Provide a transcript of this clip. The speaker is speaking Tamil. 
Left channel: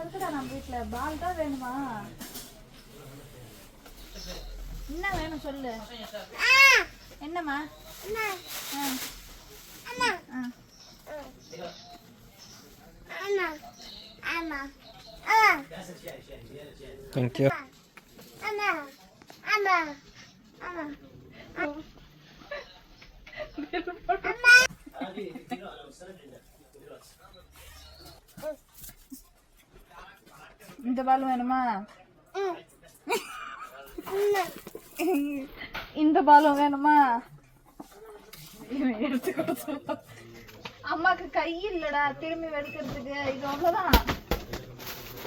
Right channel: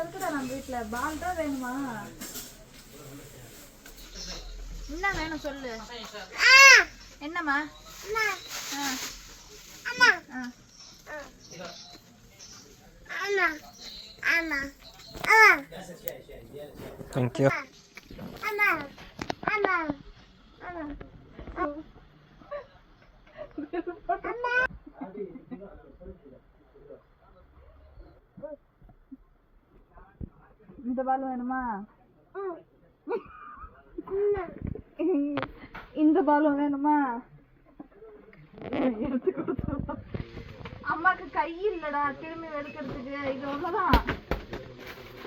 இருக்குடா நம்ம வீட்டுல. பால் தான் வேணுமா? என்ன வேணும் சொல்லு. என்னம்மா? தேங்க்யூ. இந்த பால் வேணுமா? இந்த பாலும் வேணுமா? எடுத்து கொடுத்து. அம்மாக்கு கை இல்லடா திரும்பி வெடுக்கிறதுக்கு. இது அவ்வளவுதான்.